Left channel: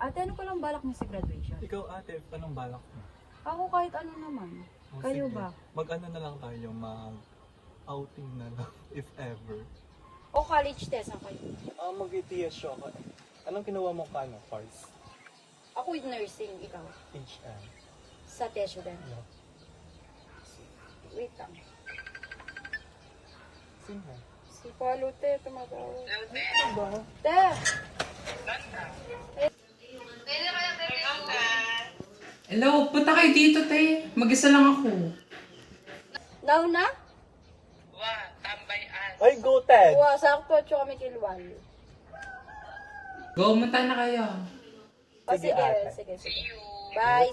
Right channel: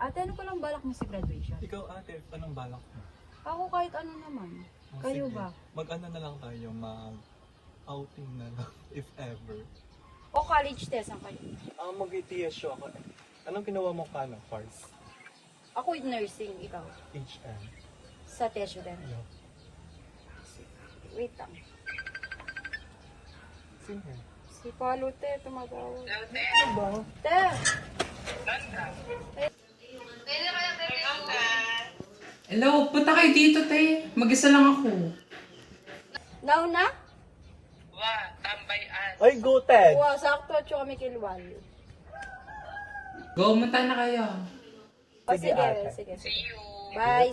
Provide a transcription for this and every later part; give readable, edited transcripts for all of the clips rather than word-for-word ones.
Ate, ano pa lang balak mo sa graduation? Ikaw ate, anong balak mo? Ako kahit ano naman. Oh, Kayo sige. ba? Mag-ano na lang tayo, mag-outing na lang, if ever. O college test ang kayo? Mag-TSU ako. Anong kinuha mo ka, course? Ako with nursing, ikaw. HM. Sa TESU din. Ano? Wait lang. Sino? Si Palo, te, tumatawag. Ano ba? Te! Hello, punta kayo dito, te. Mag-isa lang ako. Now na? Ay, go Ted! Wow, sakto at kami kilwal. Go, munta na kayo. O Sige, sige, ate. sige, sige. Bye!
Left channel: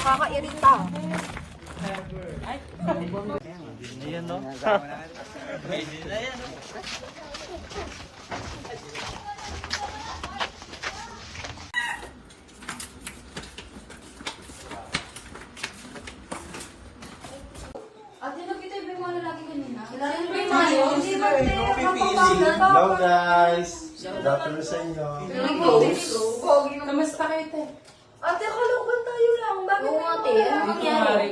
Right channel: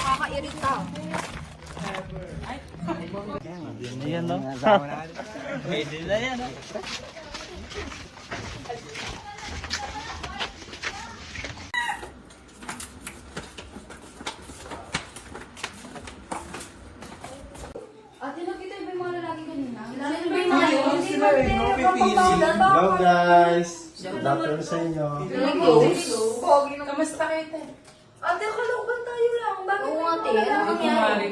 Kakairita. Hello guys! Good afternoon sa inyo. Kamusta kayo, te? Ate, kalaban tayo lang. Bakit? Oo, ate. Ano nangyari?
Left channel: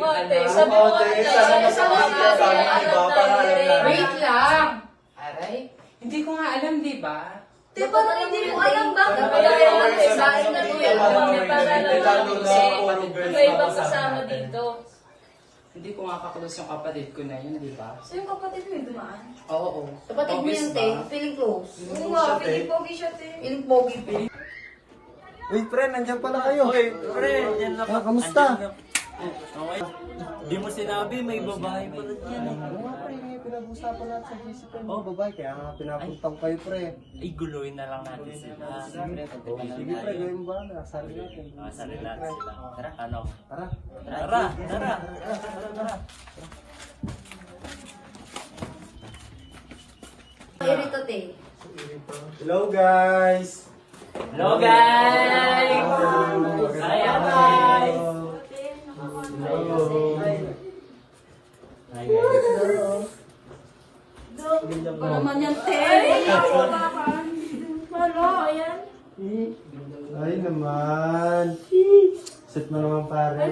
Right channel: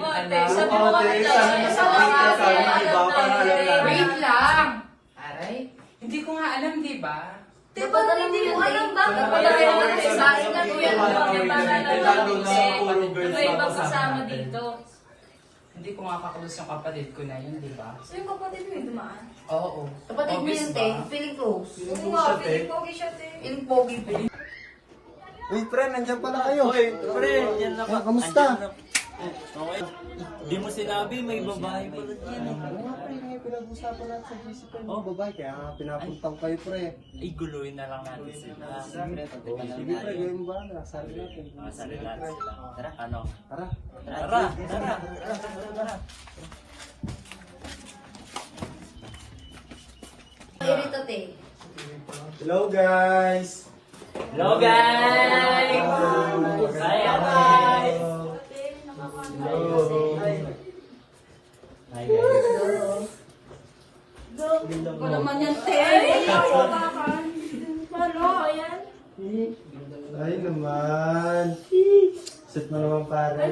Sabi mo kami Wait lang. Aray, hindi ko nga alam, di ba? Diba na hindi mo alam bakit? Wala yung ate. Sa akin na Iba-ibang kasama dito. Hindi ko nga kaklose yung kapatid ko na yun, di ba? So yung kapatid mo yung dumaan? Oo. Kapatid mo yun, te. Feeling close. Oo nga, siya, te. feeling pogi siya, te. Feeling pogi po. Uy, friend, nandiyan pala kayo. Friend, yan lang. Kamusta? Okay. Di mo sinabi, may babae pala dyan. Ano nga pre, yung pinag-usapan natin sa GC pa yung babae, kaya nga pinapuntang kayo pre. Ay, guluhin na lang natin sila. Sige pre, gawin mo ba? Nasari natin. Nasari natin sila. Tara, ano? Tara. Tara. Irito, te. Hello guys! Hello guys! Ano naman yan, te? Ano, ayan? Ay naman. Sit mo naman pare.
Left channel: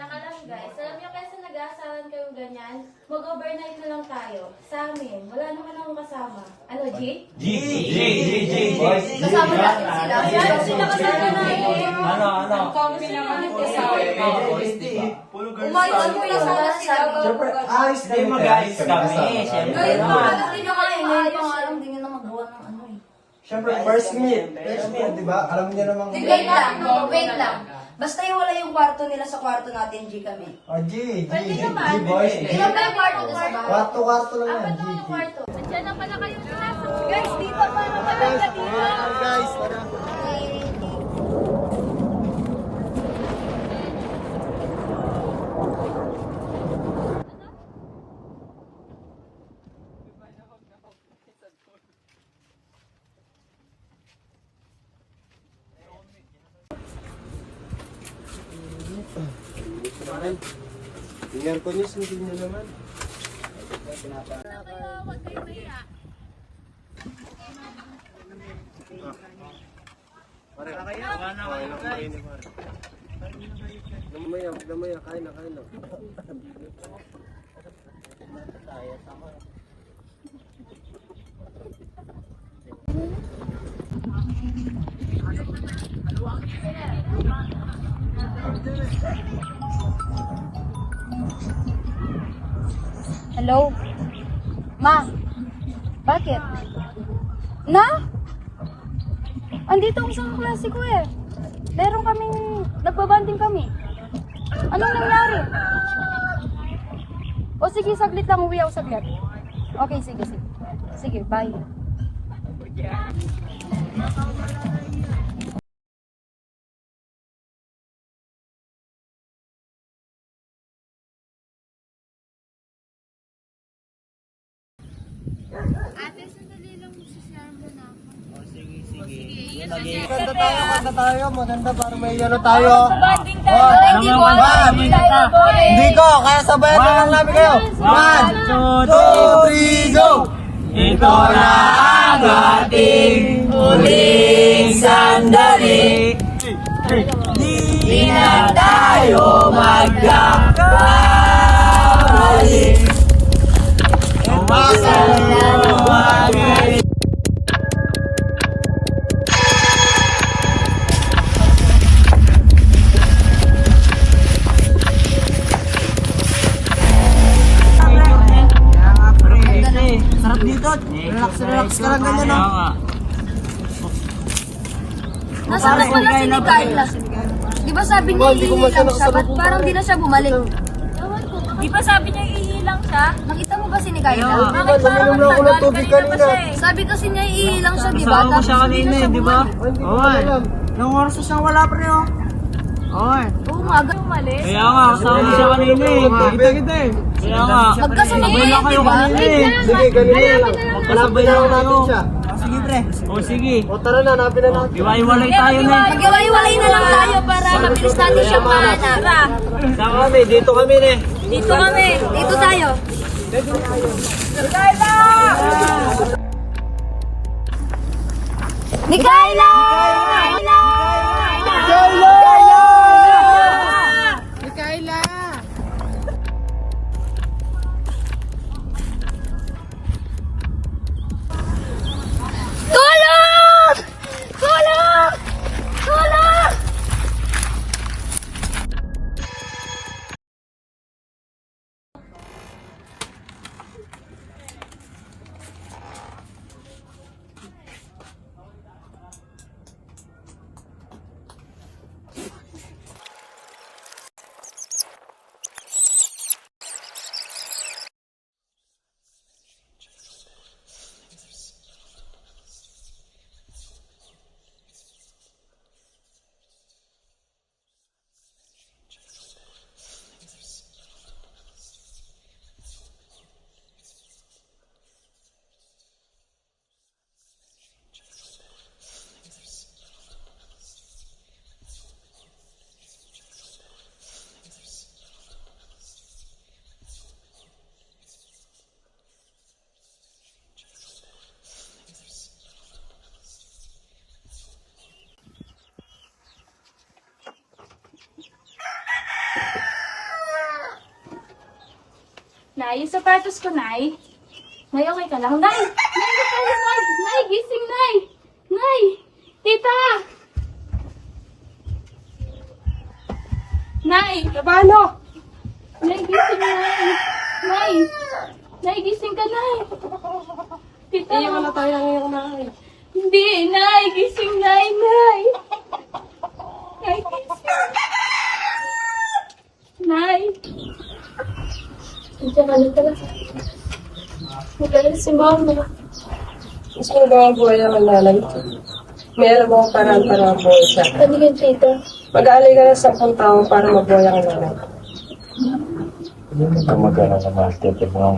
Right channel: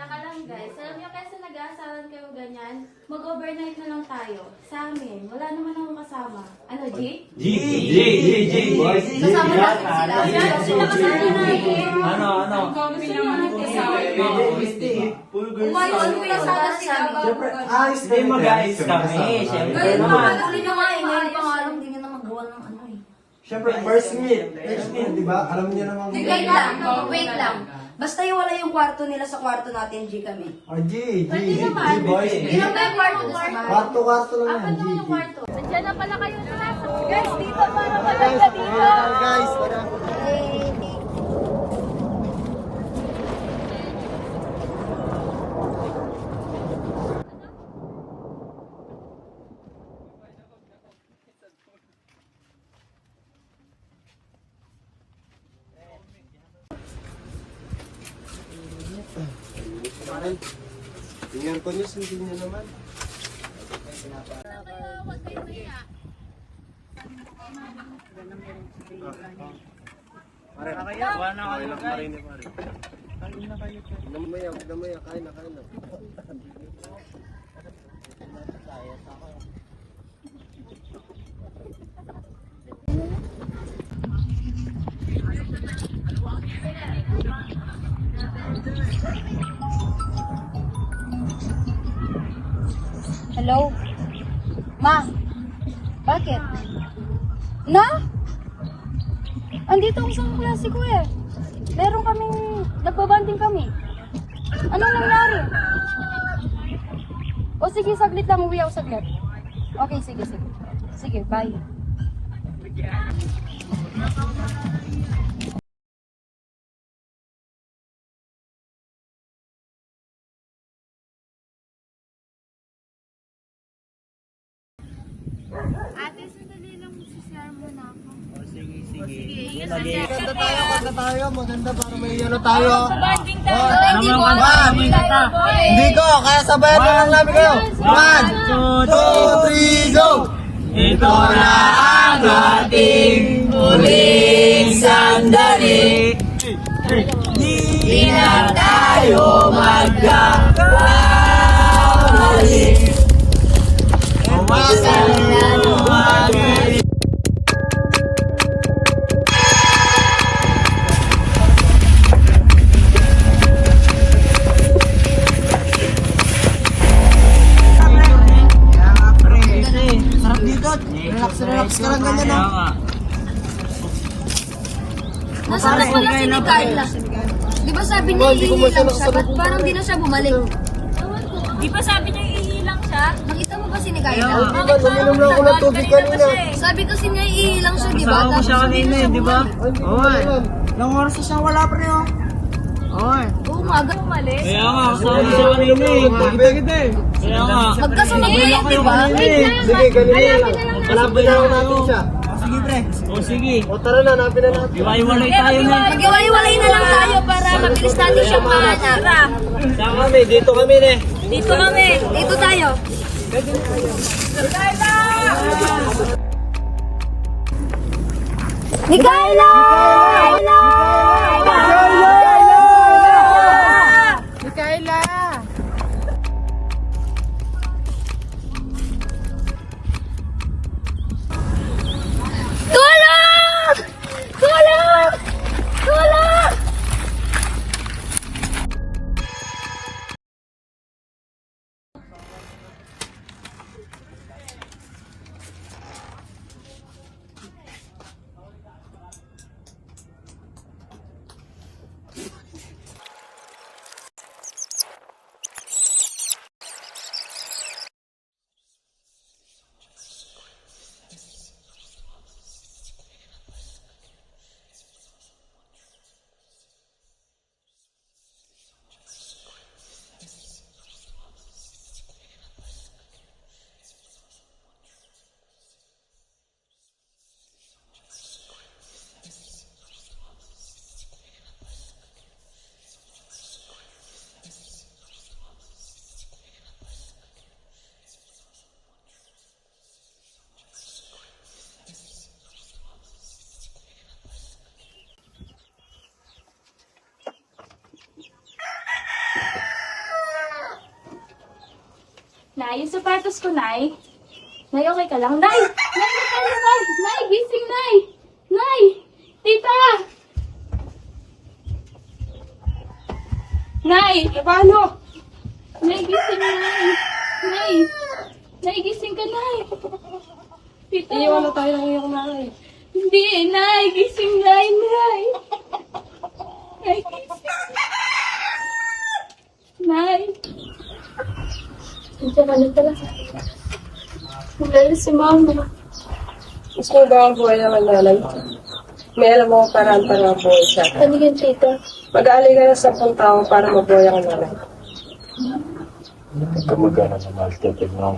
Saka lang guys, alam niyo kasi nag-aasaran kayo ganyan, mag-overnight na lang tayo. Sa amin, wala naman akong kasama. Ano, Jake? Kasama natin sila. Yan, sila kasama natin. Ano? Umayos mo na sana sila. Siyempre, ayos Hindi mag-ayos kami. Ngayon pa nga lang din ako eh. Ngayon pa nga lang din na magbuwan ng ano eh. Siyempre, first meet, di ba? Alam niyo namang... Wait lang, wait lang. Basta iwala yung kwarto nila sa kwarto natin, G kami. G boys. Ilan ba yung kwarto sa bahay? Kwarto lang yan, G. Diyan na pala kayo lahat. Guys, dito pa naman. Guys, tara. Yung air condition, hindi nyo naman. Pare, damaya, kain na. Hello? Ma? Bakit? Na? Andito ako sa klase ko eh. Meron kaming, nagbabanding kami. Anong nangyari? O sige, saglit lang, uwi ako saglit. Okay, sige. Sige, bye. Ate, sandali lang magsishare mo na ako. Maganda tayo. Maganda para may ano tayo. Hindi mo. Hindi ko, kaya sabayan na lang namin kayo. 1, 2, 3, go! Ito na ang ating huling sandali. Di na tayo magkakabalik. Sarap dito. Relax ka lang ganyan, no? Nasaan na pala si Carla? Di ba sabi niya iilang siya? Ba't parang di na siya bumalik? Di ba sabi niya iilang siya? Nakita mo ba si Carla? Uminom lang ako ng tubig kanina. Sabi kasi niya iilang siya, di ba? Tapos hindi na siya bumalik. Nang oras na siyang wala pa rin, oh. Oo, maaga bumalik. Kaya nga, kasama siya kanina eh. Kaya nga. Magkasunod na yun, di ba? Sige, ganun lang. Malapit na lang natin siya. Sige, pre. Sige. O tara na, hanapin na natin. Iwaiwalay tayo na. Mag-iwalay na lang tayo para mabilis natin siyang mahanap. Saan kami? Dito kami, ne. Dito kami. Dito tayo. Mikaela! Tulong! Tulong! Tulong! Nay, yung sapatos ko, Nay. Nay, okay ka lang? Nay! Nay, okay, Nay! Nay, gising, Nay! Nay! Tita! Nay! Paano? Nay, gising, Nay! Nay! Nay, gising ka, Nay! Tita! Iiwan na tayo ng iyong nanay. Hindi, Nay! Gising, Nay! Nay! Nay, gising! Nay! Tita, ano pala? Magaling si Mama. Gusto mo ba ang buhay ng nanay? Meron mo akong paraan para mabuhay siya. Ano yun, Tita? Mag-aalay ka ng 10 taon para mabuhay ang nanay. Hindi magana na mas mo.